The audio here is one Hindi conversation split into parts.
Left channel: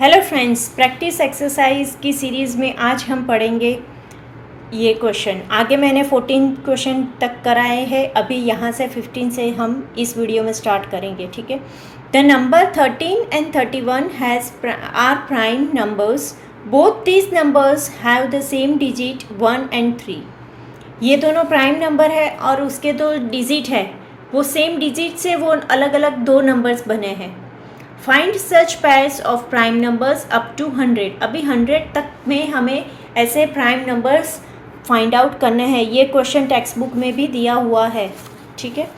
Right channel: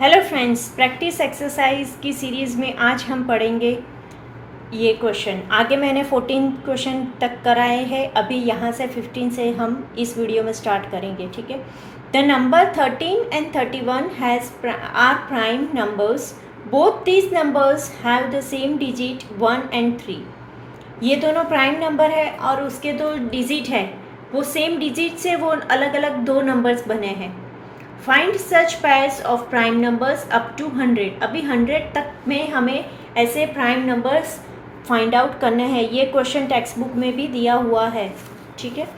हेलो फ्रेंड्स, प्रैक्टिस एक्सरसाइज की सीरीज़ में आज हम पढ़ेंगे ये क्वेश्चन। आगे मैंने 14 क्वेश्चन तक कराए हैं, अभी यहाँ से 15 से हम इस वीडियो में स्टार्ट करेंगे। ठीक है। The number 13 and 31 are prime numbers. Both these numbers have the same digit 1 and 3। ये दोनों प्राइम नंबर है और उसके दो डिजिट है, वो सेम डिजिट से वो अलग अलग दो नंबर्स बने हैं। Find such pairs of prime numbers up to 100। अभी 100 तक में हमें ऐसे प्राइम नंबर्स फाइंड आउट करने हैं। ये क्वेश्चन टेक्स्ट बुक में भी दिया हुआ है। ठीक है,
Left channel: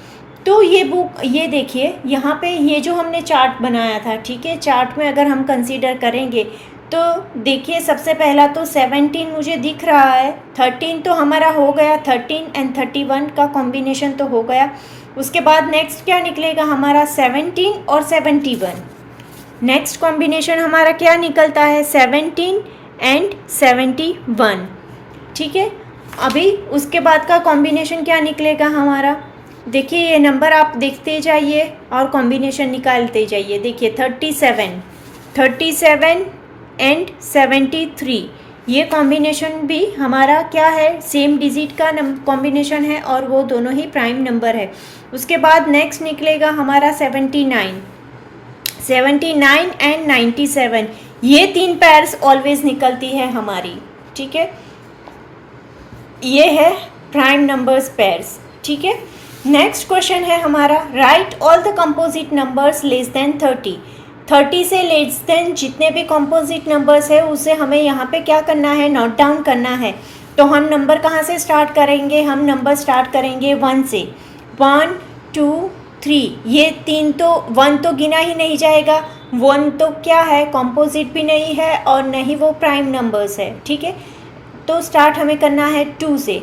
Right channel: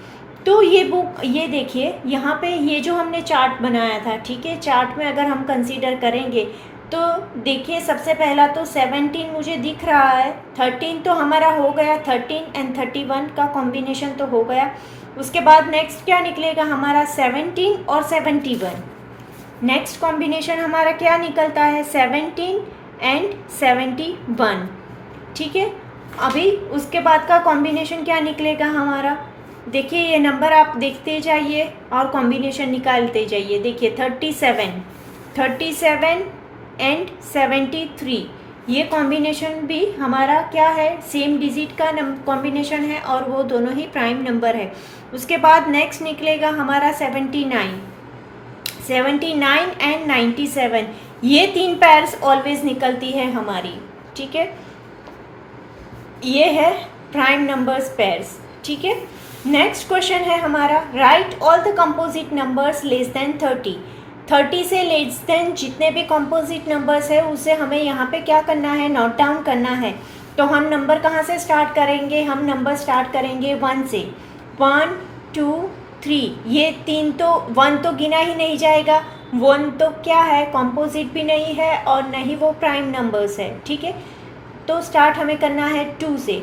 तो ये देखिए यहाँ पे ये जो हमने चार्ट बनाया था। ठीक है, चार्ट में अगर हम कंसीडर करेंगे तो देखिए सबसे पहला तो 17 मुझे दिख रहा है, 13 तो हमारा हो गया, 13 एंड 31 का कॉम्बिनेशन तो हो गया। उसके बाद नेक्स्ट क्या निकलेगा हमारा 17 और 71। नेक्स्ट कॉम्बिनेशन हमारा क्या निकलता है 17 एंड 71। ठीक है, अभी उसके बाद का कॉम्बिनेशन क्या निकलेगा हमारा, देखिए ये नंबर आप देखते जाइए और कॉम्बिनेशन निकालते जाइए। देखिए 37 एंड 73, ये कॉम्बिनेशन भी हमारा क्या है, सेम डिजिट का कॉम्बिनेशन है और वो दोनों ही प्राइम नंबर है। उसके बाद नेक्स्ट निकलेगा हमारा 79 एंड 97, ये तीन पेयर्स ऑलवेज निकलती है हमारी। ठीक है, ये है प्राइम नंबर्स पेयर्स। ठीक है, नेक्स्ट क्वेश्चन है हमारा right all the composite numbers less than 30 से लेस देन जितने भी कंपोजिट नंबर्स है उसे हमें यहाँ पे क्या करना है, नोट डाउन करना है। तो हम नंबर कहाँ से स्टार्ट करेंगे, हम नंबर स्टार्ट करेंगे 1 से। 1 2 3, ये तीन तो 1 तो गिना ही नहीं जाएगा, 1 तो क्या है, कंपोजिट भी नहीं है और नहीं वो प्राइम नंबर्स है। ठीक है, तो स्टार्ट हमें करना है 2 से।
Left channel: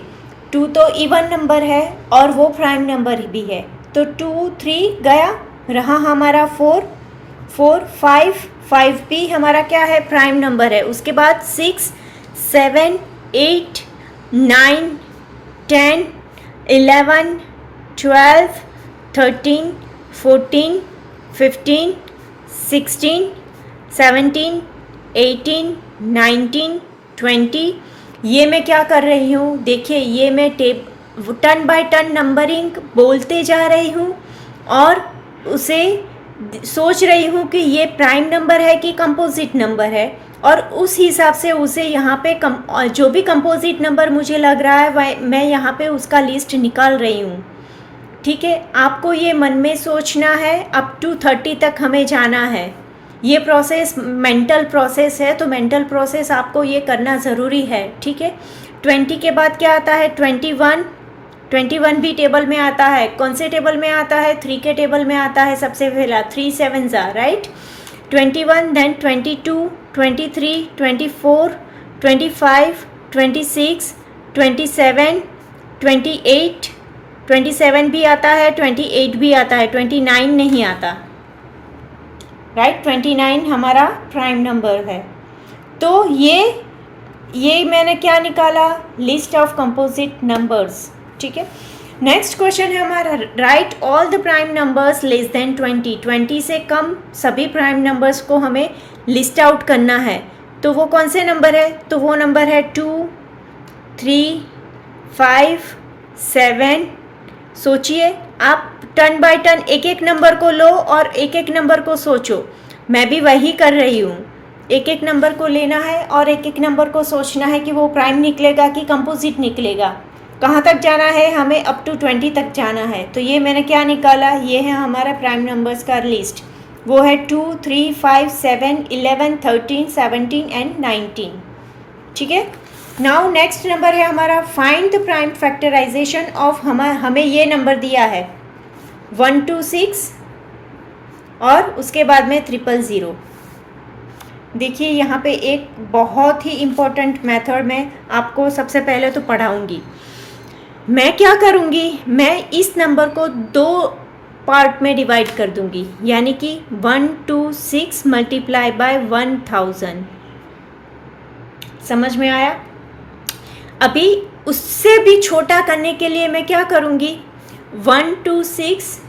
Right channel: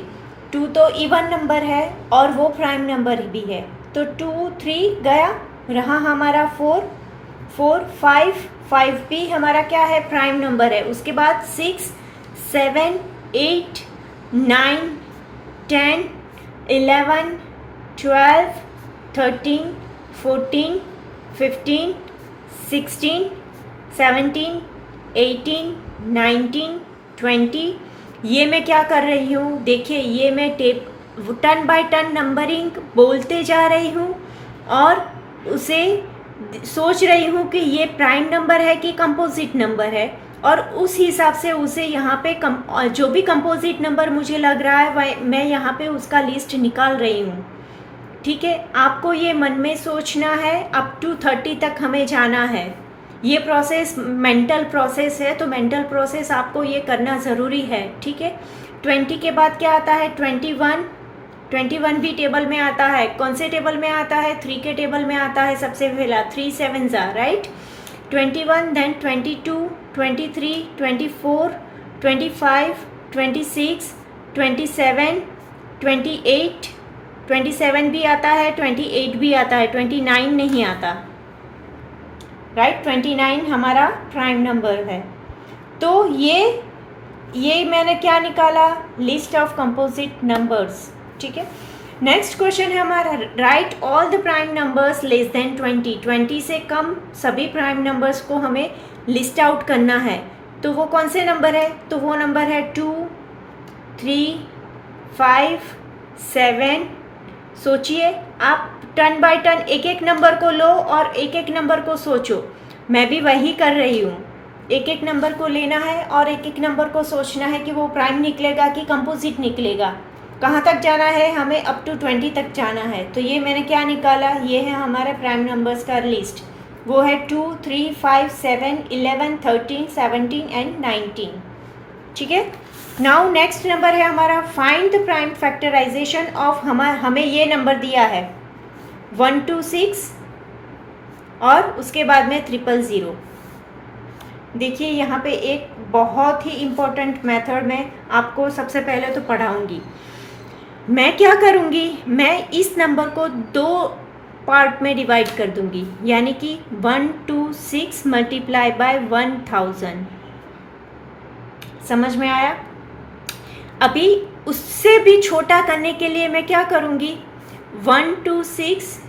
2 तो इवन नंबर है और वो प्राइम नंबर भी है, तो 2 3 गया, रहा हमारा 4 5 भी हमारा क्या है, प्राइम नंबर है। उसके बाद 6 7 8 9 10 11 12 13 14 15 16 17 18 19 20। ये मैं क्या कर रही हूँ, देखिए ये मैं टर्न बाय टर्न नंबरिंग बोलते जा रही हूँ और उसे सोच रही हूँ कि ये प्राइम नंबर है कि कंपोजिट नंबर है, और उस हिसाब से उसे यहाँ पे जो भी कंपोजिट नंबर मुझे लग रहा है मैं यहाँ पे उसका लिस्ट निकाल रही हूँ। ठीक है, आपको ये मन में सोचना है, अप टू 30 तक हमें जाना है। ये प्रोसेस मेंटल प्रोसेस है, तो मेंटल प्रोसेस आपको ये करना ज़रूरी है। ठीक है, 20 के बाद क्या आता है 21 भी टेबल में आता है। कौन से टेबल में आता है, 3 के टेबल में आता है सबसे पहला, 3 7 राइट। 21 देन 22 23 24 25 26 27 28 27 भी आता है, 28 भी आता है, 29 नहीं आता राइट। 29 हमारा प्राइम नंबर है। तो ये मैंने क्या निकाला, लिस्ट ऑफ कंपोजिट नंबर्स। ठीक है, नेक्स्ट क्वेश्चन है हमारा right all the prime numbers less than 20 से कम सभी प्राइम नंबर्स को हमें लिस्ट आउट करना है। तो वो कौन से नंबर है, तो वो नंबर है 2 3 5 7। सोचिए आप टर्न बाय टर्न एक एक नंबर को लो और एक एक नंबर को सोचो, मैं भी वही कर रही हूँ। एक एक नंबर को लेना है और एक एक नंबर को सोचना है कि वो प्राइम निकलेगा कि कंपोजिट निकलेगा। कहाँ तक जाना है, हमें अप टू 20 तक जाना है। तो ये मैंने क्या निकाला, ये है हमारा प्राइम नंबर्स का लिस्ट, वो है 2 3 5 7 11 13 17 एंड 19। ठीक है, नाउ नेक्स्ट नंबर है हमारा find the prime factorization of. हमें ये नंबर दिया है 126 और उसके बाद में 000। देखिए यहाँ पे एक बहुत ही इम्पोर्टेंट मेथड में आपको सबसे पहले तो पढ़ाऊँगी। मैं क्या करूँगी, मैं इस नंबर को 2 पार्ट में डिवाइड कर दूँगी, यानी कि 126 मल्टीप्लाई बाय 1000। समझ में आया। अभी उससे भी छोटा करने के लिए मैं क्या करूँगी, 126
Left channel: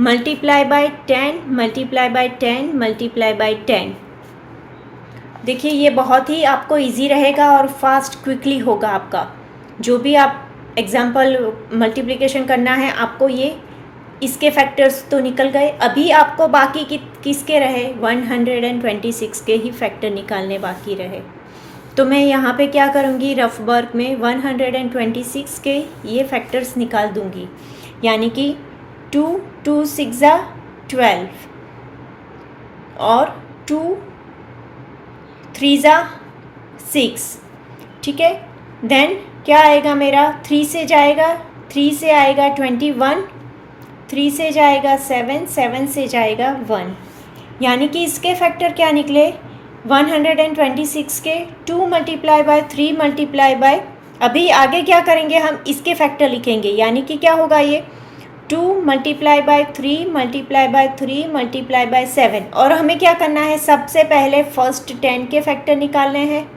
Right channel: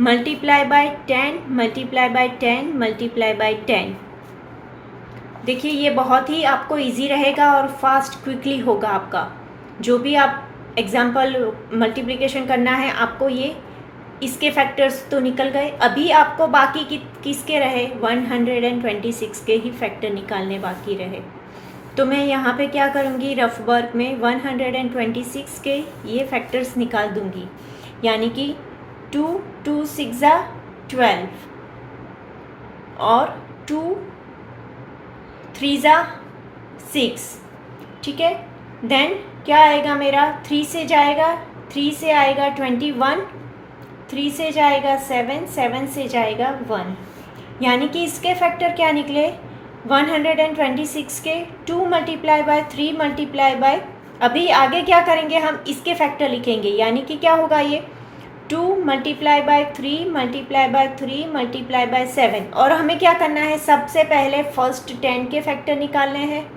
multiply by 10, multiply by 10, multiply by 10। देखिए ये बहुत ही आपको इजी रहेगा और फास्ट क्विकली होगा आपका। जो भी आप एग्जाम्पल मल्टीप्लिकेशन करना है आपको, ये इसके फैक्टर्स तो निकल गए। अभी आपको बाकी किसके रहे, 126 के ही फैक्टर निकालने बाकी रहे। तो मैं यहाँ पे क्या करूँगी, रफ वर्क में 126 के ये फैक्टर्स निकाल दूँगी। यानी कि 2 2 6 12 और 2 3 6, ठीक है। देन क्या आएगा मेरा, 3 से जाएगा, 3 से आएगा 21, 3 से जाएगा 7, 7 से जाएगा 1। यानी कि इसके फैक्टर क्या निकले, 126 के 2 मल्टीप्लाई बाय 3 मल्टीप्लाई बाय, अभी आगे क्या करेंगे हम, इसके फैक्टर लिखेंगे। यानी कि क्या होगा ये 2 multiply by 3 multiply by 3 multiply bye 7। और हमें क्या करना है, सबसे पहले फर्स्ट 10 के फैक्टर निकालने हैं,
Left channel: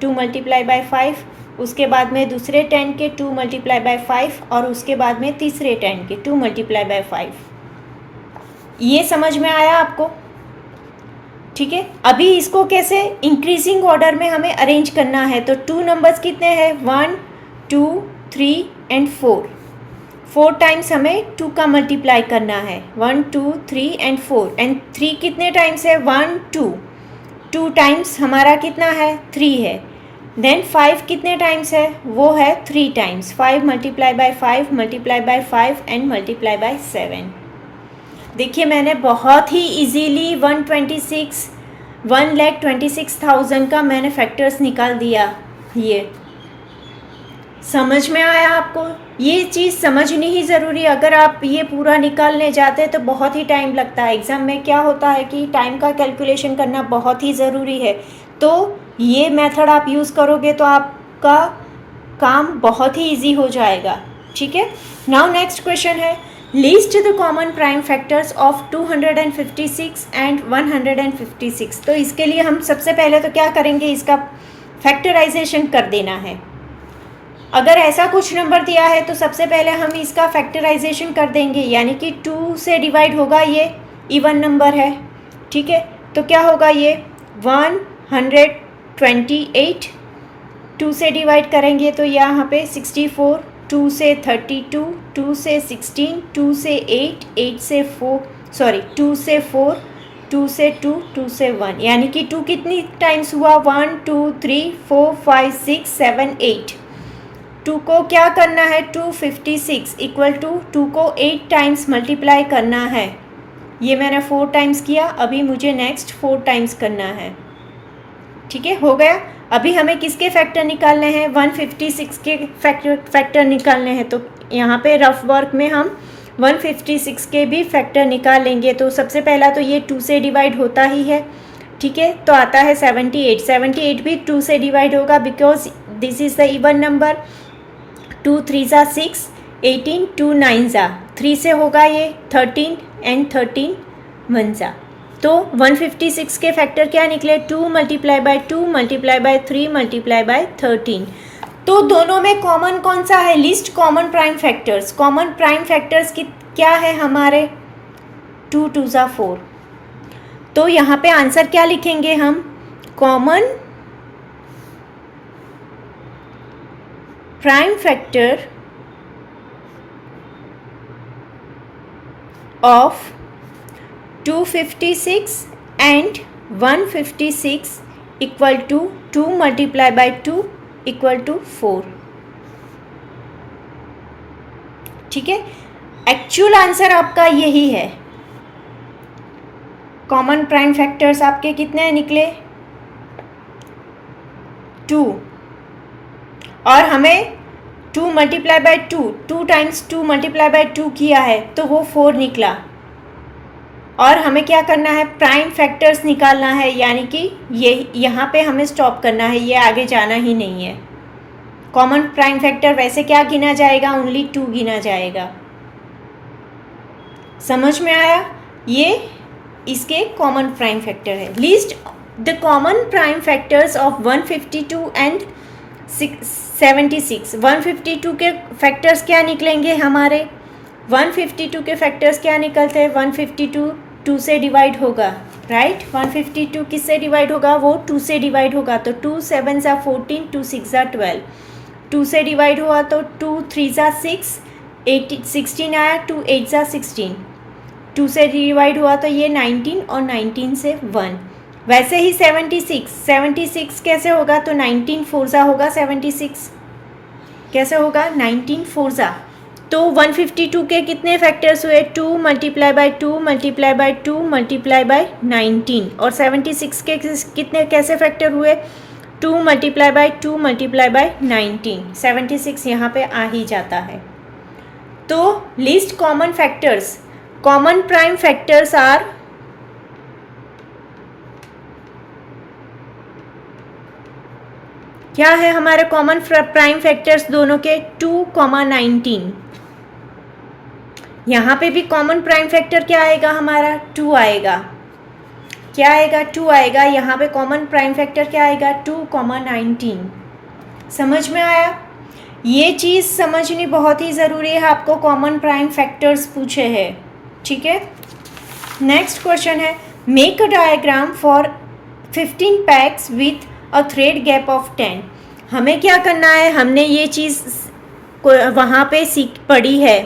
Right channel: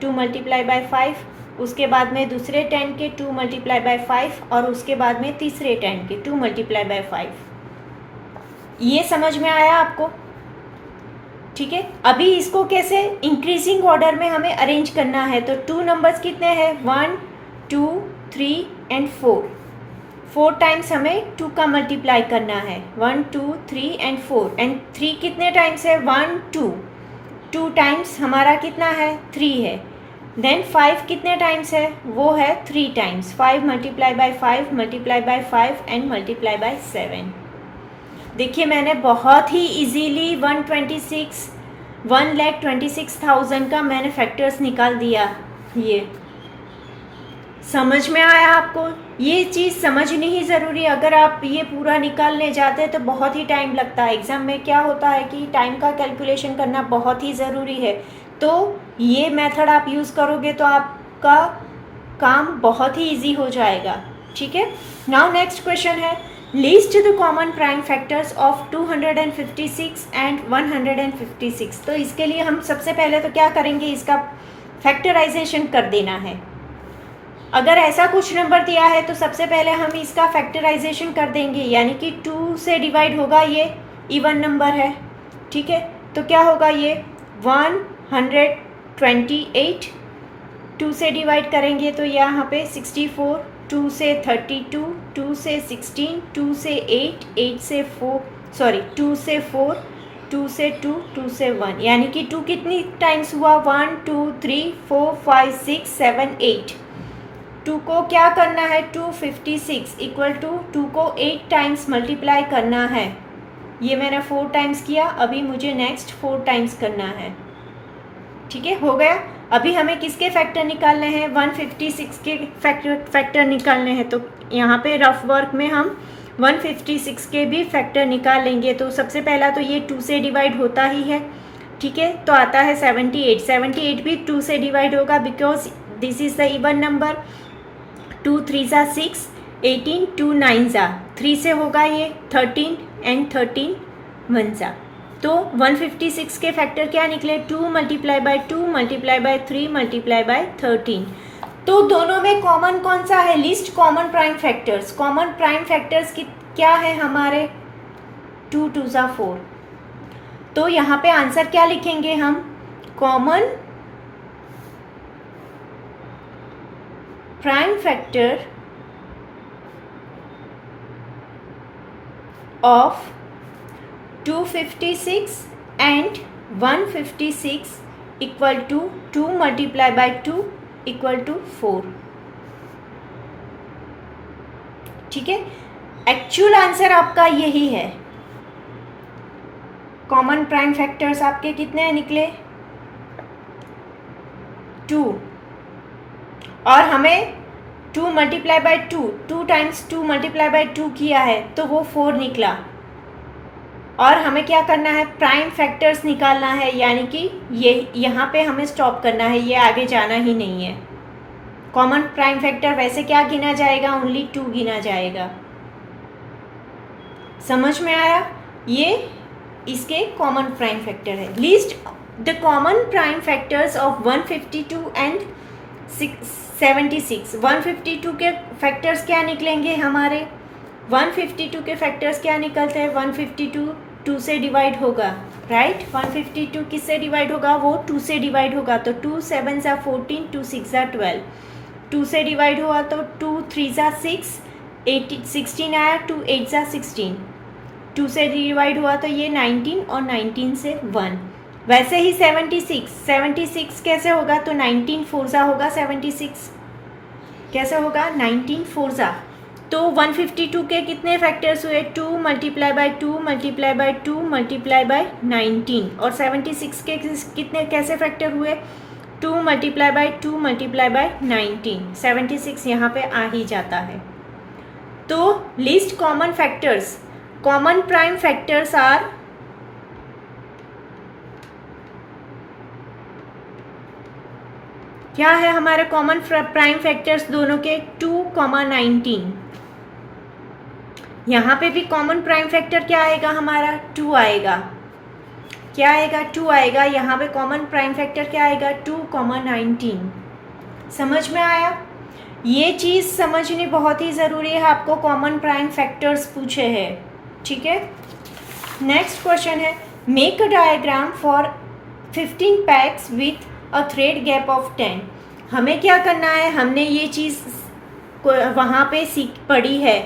2 मल्टीप्लाई बाय 5, उसके बाद में दूसरे 10 के 2 मल्टीप्लाई बाय 5 और उसके बाद में तीसरे 10 के 2 मल्टीप्लाई बाय 5। ये समझ में आया आपको, ठीक है। अभी इसको कैसे इंक्रीजिंग ऑर्डर में हमें अरेंज करना है। तो 2 नंबर्स कितने हैं, 1 2 3 एंड 4। 4 टाइम्स हमें 2 का मल्टीप्लाई करना है, 1 2 3 एंड 4। एंड 3 कितने टाइम्स है, 1 2, 2 टाइम्स हमारा कितना है, 3 है। देन 5 कितने टाइम्स है, वो है 3 times, 5 multiply by 5 multiply by 5 and multiply by 7। देखिए मैंने बहुत ही इजीली 1,26,000 का मैंने फैक्टर्स निकाल दिया। ये समझ में आया आपको, ये चीज़ समझनी ही ज़रूरी है। अगर आप ये पूरा निकालने जाते हैं तो बहुत ही टाइम लगता है। एग्ज़ाम में क्या होता है कि टाइम का कैलकुलेशन करना बहुत ही ज़रूरी है। तो ये मेथड आप यूज़ करोगे तो आपका काम बहुत ही इजी हो जाएगा, ठीक है। नाउ नेक्स्ट क्वेश्चन है, list the common prime factors of 256 and 156। तो इसके लिए हम सबसे पहले तो क्या करेंगे, इसका फैक्टराइजेशन कर देना है। अगर ऐसा कुछ नंबर दिया है तो सबसे पहले हम इसका फैक्टराइजेशन कर देंगे। यानी कि 2 से डिवाइड होगा, ये इवन नंबर है, ठीक है। तो क्या होगा, ये 128, 2 से डिवाइड करेंगे तो यहाँ पे 64, 2 से 32, 2 से 16, 2 से 8, 8 से 4, सॉरी 2 से 4, 2 से 2, 2 से 1। यानी कि 2 कितनी टाइम्स हुआ, 1 2 3 4 5 6 7 8। 2 को क्या करना है, 256 इक्वल टू 2 को 8 टाइम्स मल्टीप्लाई करना है। ये मैंने 4 टाइम्स किया, अभी मुझे नेक्स्ट 4 टाइम्स करना है, ठीक है। हो गया। अभी हमें किसके फैक्टर निकालने हैं, 156 के फैक्टर निकालने हैं। तो यहाँ पे रफ वर्क में हम 156 के भी फैक्टर निकाल लेंगे। तो सबसे पहला तो ये 2 से डिवाइड होता ही है, ठीक है। तो आता है 78, 78 भी 2 से डिवाइड होगा because this is the even number. 2 3 6, 18, 2 9 3 से होगा ये 13 एंड 13 1 तो 156 के फैक्टर क्या निकले, 2 multiply by 2 multiply by 3 multiply bye 13। तो दोनों में कॉमन कौन सा है, list common prime factors. Common prime factors की क्या है हमारे, 2 2 4। तो यहाँ पे आंसर क्या लिखेंगे हम, common prime factor of 256 and 156 equal to 2 multiply by 2 equal to 4, ठीक है। एक्चुअल आंसर आपका यही है। कॉमन प्राइम फैक्टर्स आपके कितने निकले, 2, और हमें 2 multiply by 2 times 2 multiply by 2 किया है तो वो 4 निकला। और हमें क्या करना है, प्राइम फैक्टर्स निकालना है। यानी कि ये यहाँ पे हमें स्टॉप करना है, ये आगे जाना ही नहीं है। कॉमन प्राइम फैक्टर वैसे क्या गिना जाएगा, ओनली 2 गिना जाएगा। समझ में आया, ये इसके कॉमन प्राइम फैक्टर है। List the common prime factors of 152 and 76। 152 के फैक्टर्स क्या निकलेंगे हमारे, 152 के फैक्टर्स क्या निकलते हैं? 152 2 से डिवाइड होगा, राइट। 152 किससे डिवाइड होगा? वो 2 से डिवाइड होगा, तो 2 7 ज़ा 14, 2 6 ज़ा 12, 2 से डिवाइड हुआ तो 2 3 ज़ा 6, 16 आया, 2 8 ज़ा 16, 2 से डिवाइड हुआ तो ये 19 और 19 से 1। वैसे ही 76 कैसे होगा? तो 19 4 ज़ा होगा 76, कैसे होगा? 19 4 ज़ा। तो 152 के कितने फैक्टर्स हुए? 2 multiply by 2 multiply by 2 multiply bye 19, और 76 के कितने कैसे फैक्टर हुए? 2 मल्टीप्लाई बाय 2 मल्टीप्लाई बाय 19, 76 यहाँ पे आ ही जाता है। तो list common factors, common prime factors are क्या है हमारे कॉमन प्राइम फैक्टर्स दोनों के? 2, 19। यहाँ पे भी कॉमन प्राइम फैक्टर क्या आएगा हमारा? 2 आएगा। क्या आएगा? 2 आएगा। यहाँ पे कॉमन प्राइम फैक्टर क्या आएगा? 2, 19। समझ में आया? ये चीज़ समझनी बहुत ही ज़रूरी है, आपको कॉमन प्राइम फैक्टर्स पूछे हैं, ठीक है। नेक्स्ट क्वेश्चन है, make a diagram for 15 PACS with a thread gap of 10। हमें क्या करना है? हमने ये चीज़ वहाँ पे पढ़ी है।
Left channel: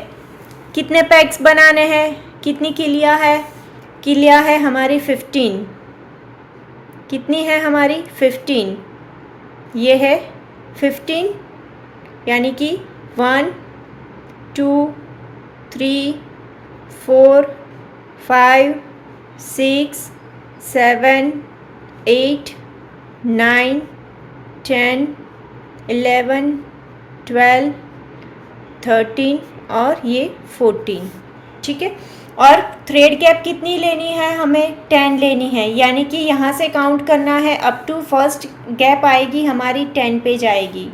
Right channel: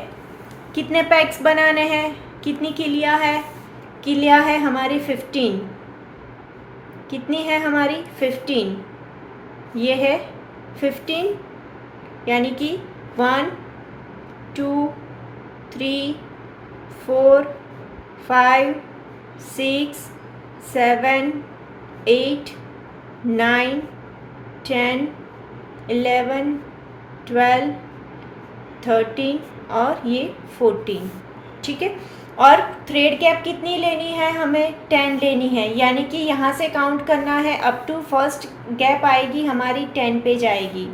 कितने पैक्स बनाने हैं? कितनी किलिया है? किलिया है हमारी 15। कितनी है हमारी? 15। ये है 15, यानी कि 1 2 3 4 5 6 7 8 9 10 11 12 13 और ये 14, ठीक है। और थ्रेड गैप कितनी लेनी है? हमें 10 लेनी है, यानी कि यहाँ से काउंट करना है अप टू फर्स्ट गैप आएगी हमारी 10 पे जाएगी।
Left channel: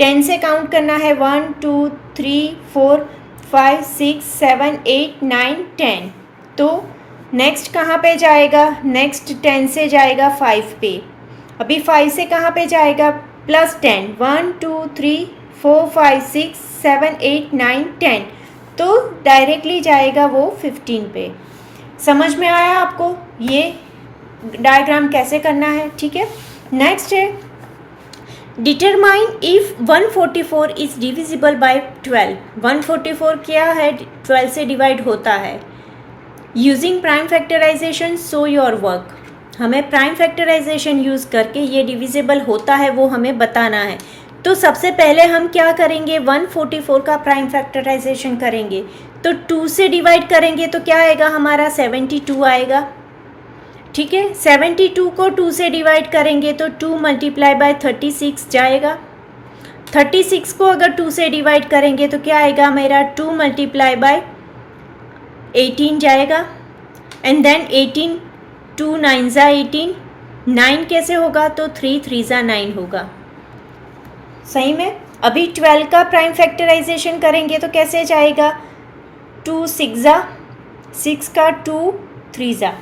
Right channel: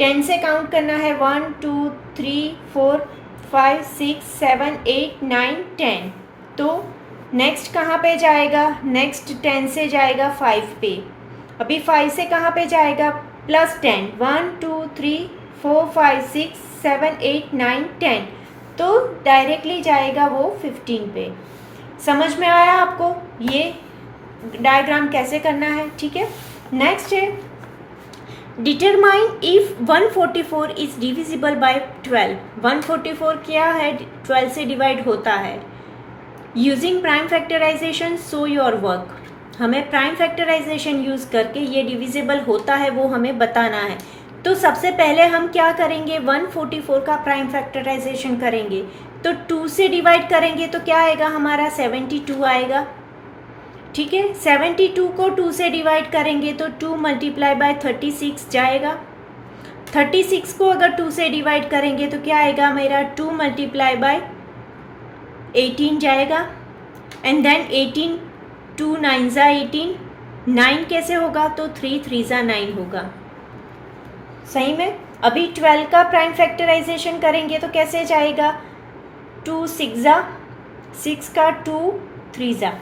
10 से काउंट करना है 1 2 3 4 5 6 7 8 9 10। तो नेक्स्ट कहाँ पे जाएगा? नेक्स्ट 10 से जाएगा 5 पे। अभी 5 से कहाँ पे जाएगा? प्लस 10, 1 2 3 4 5 6 7 8 9 10, तो डायरेक्टली जाएगा वो 15 पे। समझ में आया आपको ये डायग्राम कैसे करना है, ठीक है। नेक्स्ट है, determine if 144 is divisible by 12। 144 क्या है? 12 से डिवाइड होता है। Using prime factorization show your work. हमें प्राइम फैक्टराइजेशन यूज़ करके ये डिविजिबल होता है वो हमें बताना है। तो सबसे पहले हम क्या करेंगे? 144 का प्राइम फैक्टराइजेशन करेंगे। तो 2 से डिवाइड करेंगे तो क्या आएगा हमारा? 72 आएगा, ठीक है। 72 को 2 से डिवाइड करेंगे तो 2 मल्टीप्लाई बाय 36 जाएगा। 36 को अगर 2 से डिवाइड करेंगे तो क्या आएगा मेरा? 2 मल्टीप्लाई बाय 18 जाएगा। एंड देन 18, 2 9 ज़ा 18, 9 कैसे होगा? तो 3 3 ज़ा 9 होगा। सही में। अभी 12 का प्राइम फैक्टराइजेशन करेंगे तो कैसे जाएगा? 2 6 ज़ा 6 का 2 3 ज़ा,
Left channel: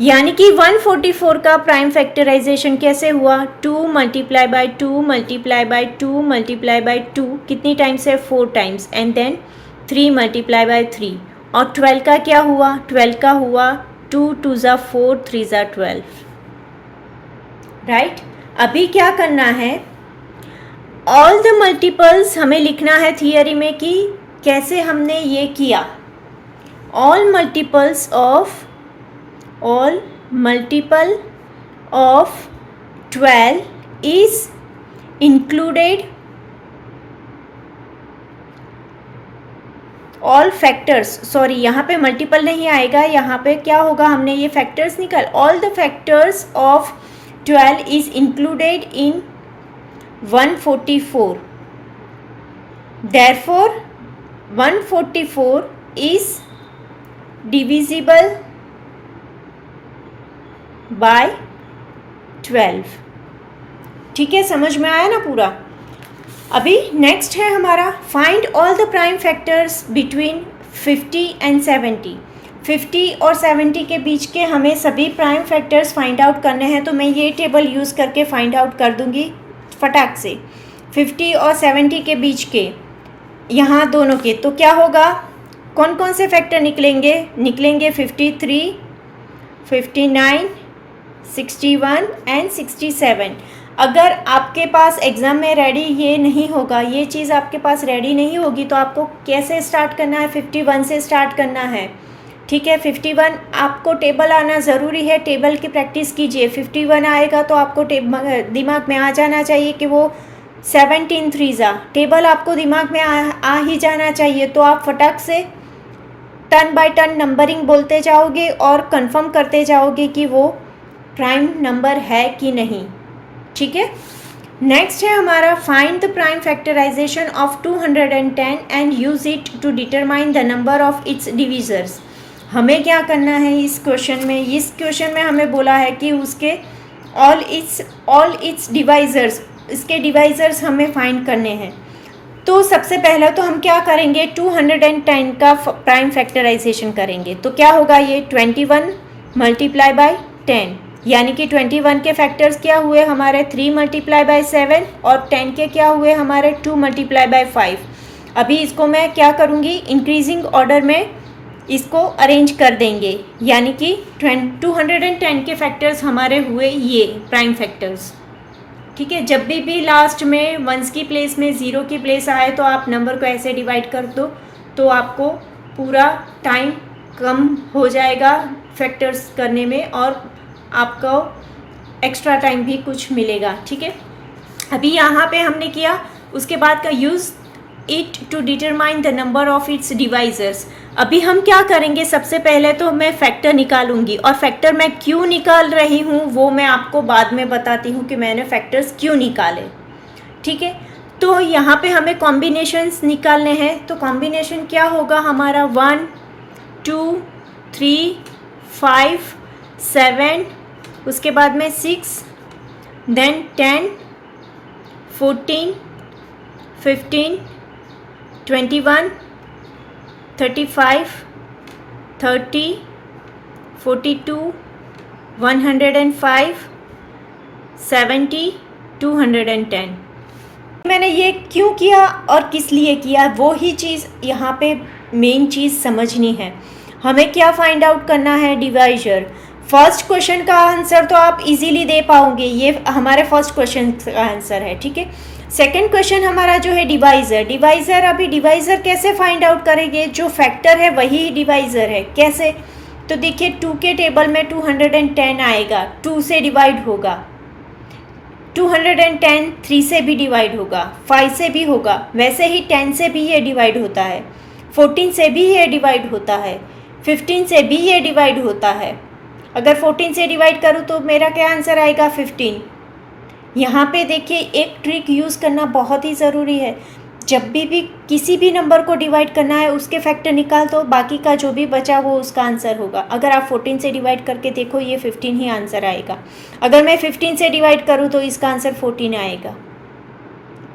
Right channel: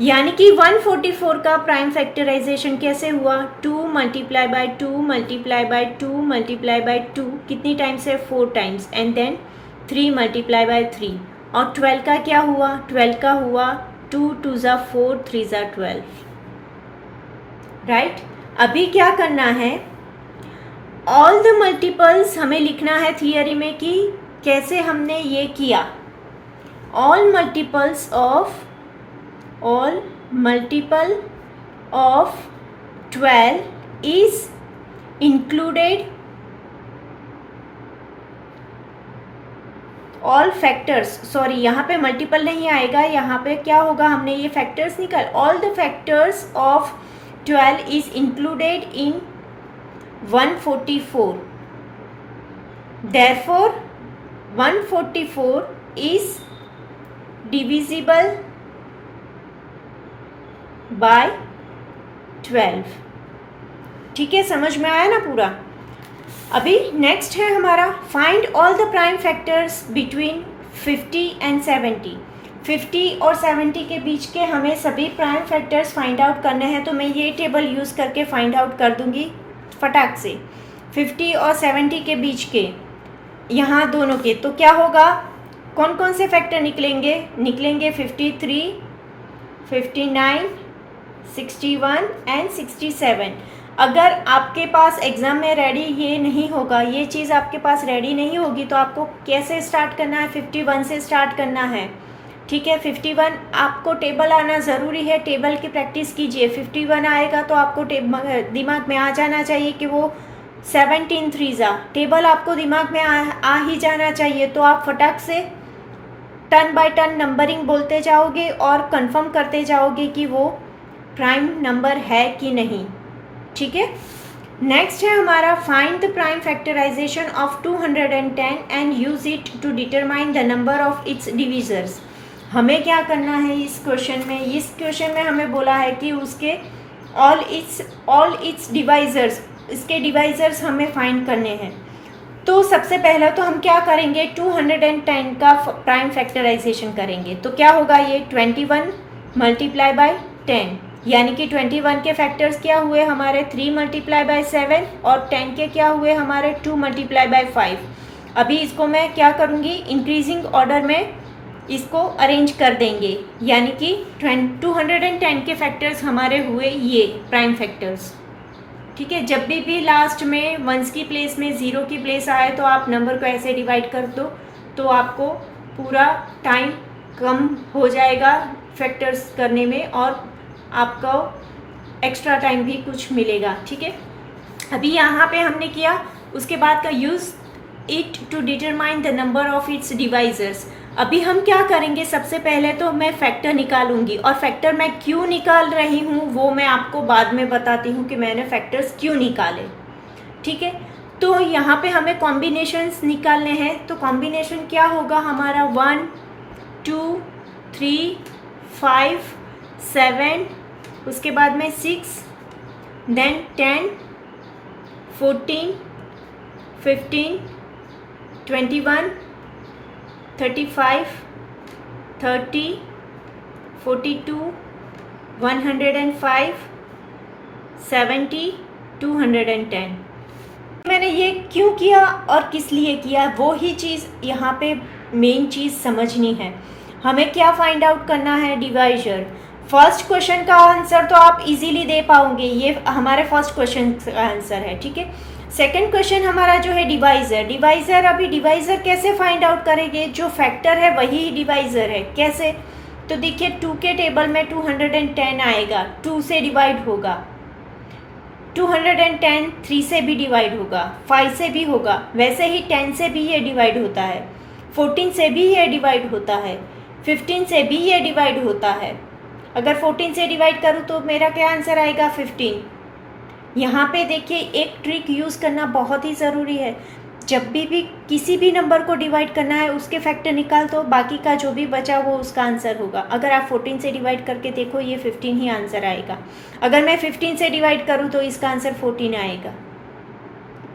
यानी कि 144 का प्राइम फैक्टराइजेशन कैसे हुआ? 2 multiply by 2 multiply by 2 multiply by 2, कितनी टाइम्स है? 4 times, and then 3 multiply by 3। और 12 का क्या हुआ? 12 का हुआ 2 2 ज़ा 4 3 ज़ा 12, राइट। अभी क्या करना है? ऑल द मल्टीपल्स हमें लिखना है थियरी में कि कैसे हमने ये किया। All multiple of 12 is included all factors, sorry यहाँ पे मल्टीपल नहीं आएगा, यहाँ पे क्या होगा? हमने ये फैक्टर्स निकाल, all the factors of 12 is included in 144, therefore 144 is divisible by 12, ठीक है। समझ में आया ना पूरा? अभी नेक्स्ट है हमारा, find all the prime factors between 50 and 70। 50 और 70 के बीच के हमें सभी प्राइम फैक्टर्स फाइंड आउट करने हैं, तो मैं ये टेबल यूज़ करके फाइंड आउट कर दूंगी फटाक से। 50 और 70 के बीच के यहाँ दोनों के, तो क्या होगा? कौन कौन से फैक्टर निकलेंगे? 53, 59, 61 एंड 67। अगर आपके पास एग्ज़ाम में रेडी ये नहीं होगा, ये चीज़ आपके पास रेडी नहीं होगी, तो आपको कैसे स्टार्ट करना है? 51 से स्टार्ट करना है, ठीक है। 51 आपको टेबल आना ज़रूरी है, टेबल की प्रैक्टिस कीजिए। 51 आएगा तो आपको दिमाग में आ जाना चाहिए कि वो 17 3 टेबल आपको दिमाग में आ ही जाना चाहिए। तो आप फटाक से टर्न बाय टर्न नंबरिंग बोलते जाओगे और कंफर्म करते जाओगे कि वो प्राइम नंबर है कि नहीं, ठीक है। नेक्स्ट है हमारा find the prime factorization of 210 and use it to determine the number of its divisors. हमें क्या करना है इस क्वेश्चन में? इस क्वेश्चन में हमें बोला है कि उसके ऑल इट्स डिवाइजर्स, इसके डिवाइजर्स हमें फाइंड करने हैं। तो सबसे पहला तो हम क्या करेंगे? 210 का प्राइम फैक्टराइजेशन करेंगे। तो क्या होगा ये? 21 मल्टीप्लाई बाय 10, यानी कि 21 के फैक्टर्स क्या हुए हमारे? 3 मल्टीप्लाई बाय 7 और 10 के क्या हुए हमारे? 2 मल्टीप्लाई बाय 5। अभी इसको मैं क्या करूँगी? इंक्रीजिंग ऑर्डर में इसको अरेंज कर देंगे, यानी कि 210 के फैक्टर्स हमारे हुए ये प्राइम फैक्टर्स, ठीक है। जब भी लास्ट में वंस की प्लेस में ज़ीरो की प्लेस आए तो आप नंबर को ऐसे डिवाइड कर दो, तो आपको पूरा टाइम कम हो जाएगा फैक्टर्स करने में और आपको एक्स्ट्रा टाइम भी कुछ मिलेगा, ठीक है। अभी यहाँ पे हमने किया, उसके बाद का use it to determine the number of its divisors. अभी हम क्या करेंगे? सबसे पहले तो मैं फैक्टर निकालूंगी, और फैक्टर मैं क्यों निकाल रही हूँ वो मैं आपको बाद में बताती हूँ कि मैंने फैक्टर्स क्यों निकाले, ठीक है। तो यहाँ पे हमें कॉम्बिनेशंस निकालने हैं। तो कॉम्बिनेशन क्या होगा हमारा? 1 2 3 5 7, उसके बाद में 6, देन 10 14 15 21 35 30 42 105 70 210। मैंने ये क्यों किया और किस लिए किया, वो ही चीज़ यहाँ पे मेन चीज़ समझनी है। हमें क्या फाइंड आउट करना है? डिवाइजर। फर्स्ट क्वेश्चन का आंसर तो आप इजीली दे पाओगे, ये हमारे फर्स्ट क्वेश्चन का आंसर है, ठीक है। सेकेंड क्वेश्चन हमारा जो है डिवाइज़र। अभी डिवाइज़र कैसे फाइंड आउट करेंगे? जो फैक्टर है वही डिवाइज़र है। कैसे? तो देखिए 2 के टेबल में 210 आएगा, 2 से डिवाइड होगा, 210 3 से भी डिवाइड होगा, 5 से भी होगा, वैसे ही 10 से भी ये डिवाइड होता है, 14 से भी ये डिवाइड होता है, 15 से भी ये डिवाइड होता है। अगर 14 से डिवाइड करूँ तो मेरा क्या आंसर आएगा? 15। यहाँ पे देखिए एक ट्रिक यूज़ करना बहुत ही ज़रूरी है। जब भी किसी भी नंबर को डिवाइड करना है उसके फैक्टर निकाल दो, बाकी का जो भी बचा वो उसका आंसर होगा। अगर आप 14 से डिवाइड करके देखो ये 15 ही आंसर आएगा। अगर मैं 15 से डिवाइड करूँ तो इसका आंसर 14 आएगा,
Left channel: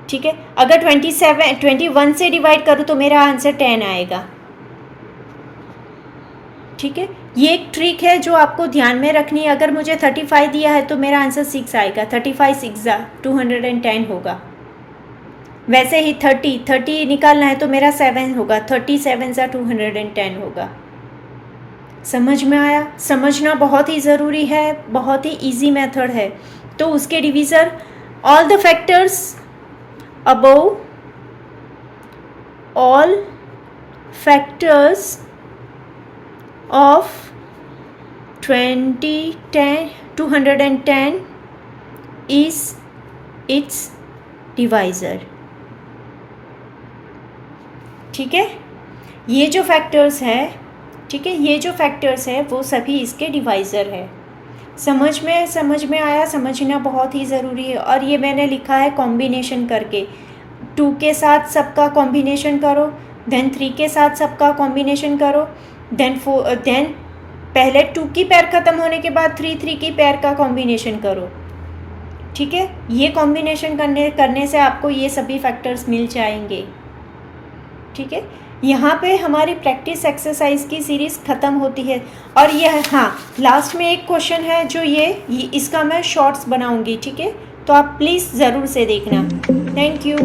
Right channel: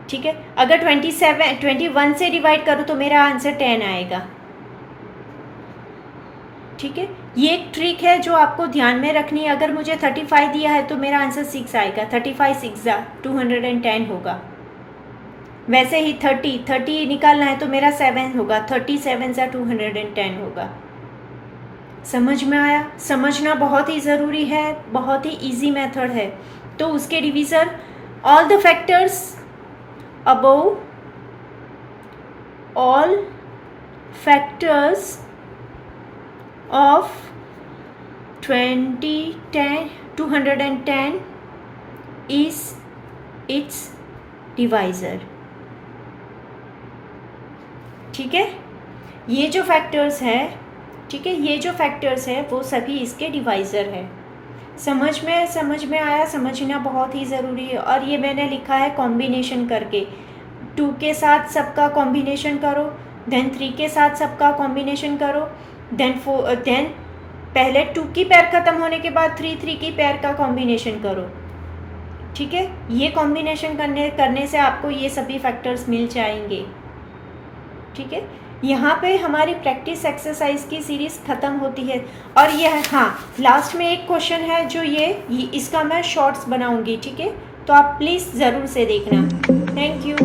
ठीक है। अगर 21 से डिवाइड करूँ तो मेरा आंसर 10 आएगा, ठीक है। ये एक ट्रिक है जो आपको ध्यान में रखनी है। अगर मुझे 35 दिया है तो मेरा आंसर 6 आएगा, 35 6 210 होगा। वैसे ही 30 निकालना है तो मेरा 7 होगा, 37 210 होगा। समझ में आया? समझना बहुत ही ज़रूरी है, बहुत ही इजी मेथड है। तो उसके divisor all the factors above, all factors of 210 is its divisor, ठीक है। ये जो फैक्टर्स है, ठीक है, ये जो फैक्टर्स है वो सभी इसके डिवाइज़र है। समझ में आया? समझना बहुत ही ज़रूरी है। और ये मैंने लिखा है कॉम्बिनेशन करके, 2 के साथ सबका कॉम्बिनेशन करो, देन 3 के साथ सबका कॉम्बिनेशन करो, देन पहले 2 की पैर ख़त्म होने के बाद 3 की पैर का कॉम्बिनेशन करो, ठीक है। ये कॉम्बिनेशन करने से आपको ये सभी फैक्टर्स मिल जाएंगे, ठीक है। यहाँ पे हमारी प्रैक्टिस एक्सरसाइज की सीरीज़ ख़त्म होती है। और यह लास्ट में एक क्वेश्चन है जो ये इसका मैं शॉर्ट्स बनाऊँगी, ठीक है। तो आप प्लीज़ ज़रूर से देखना। Thank you.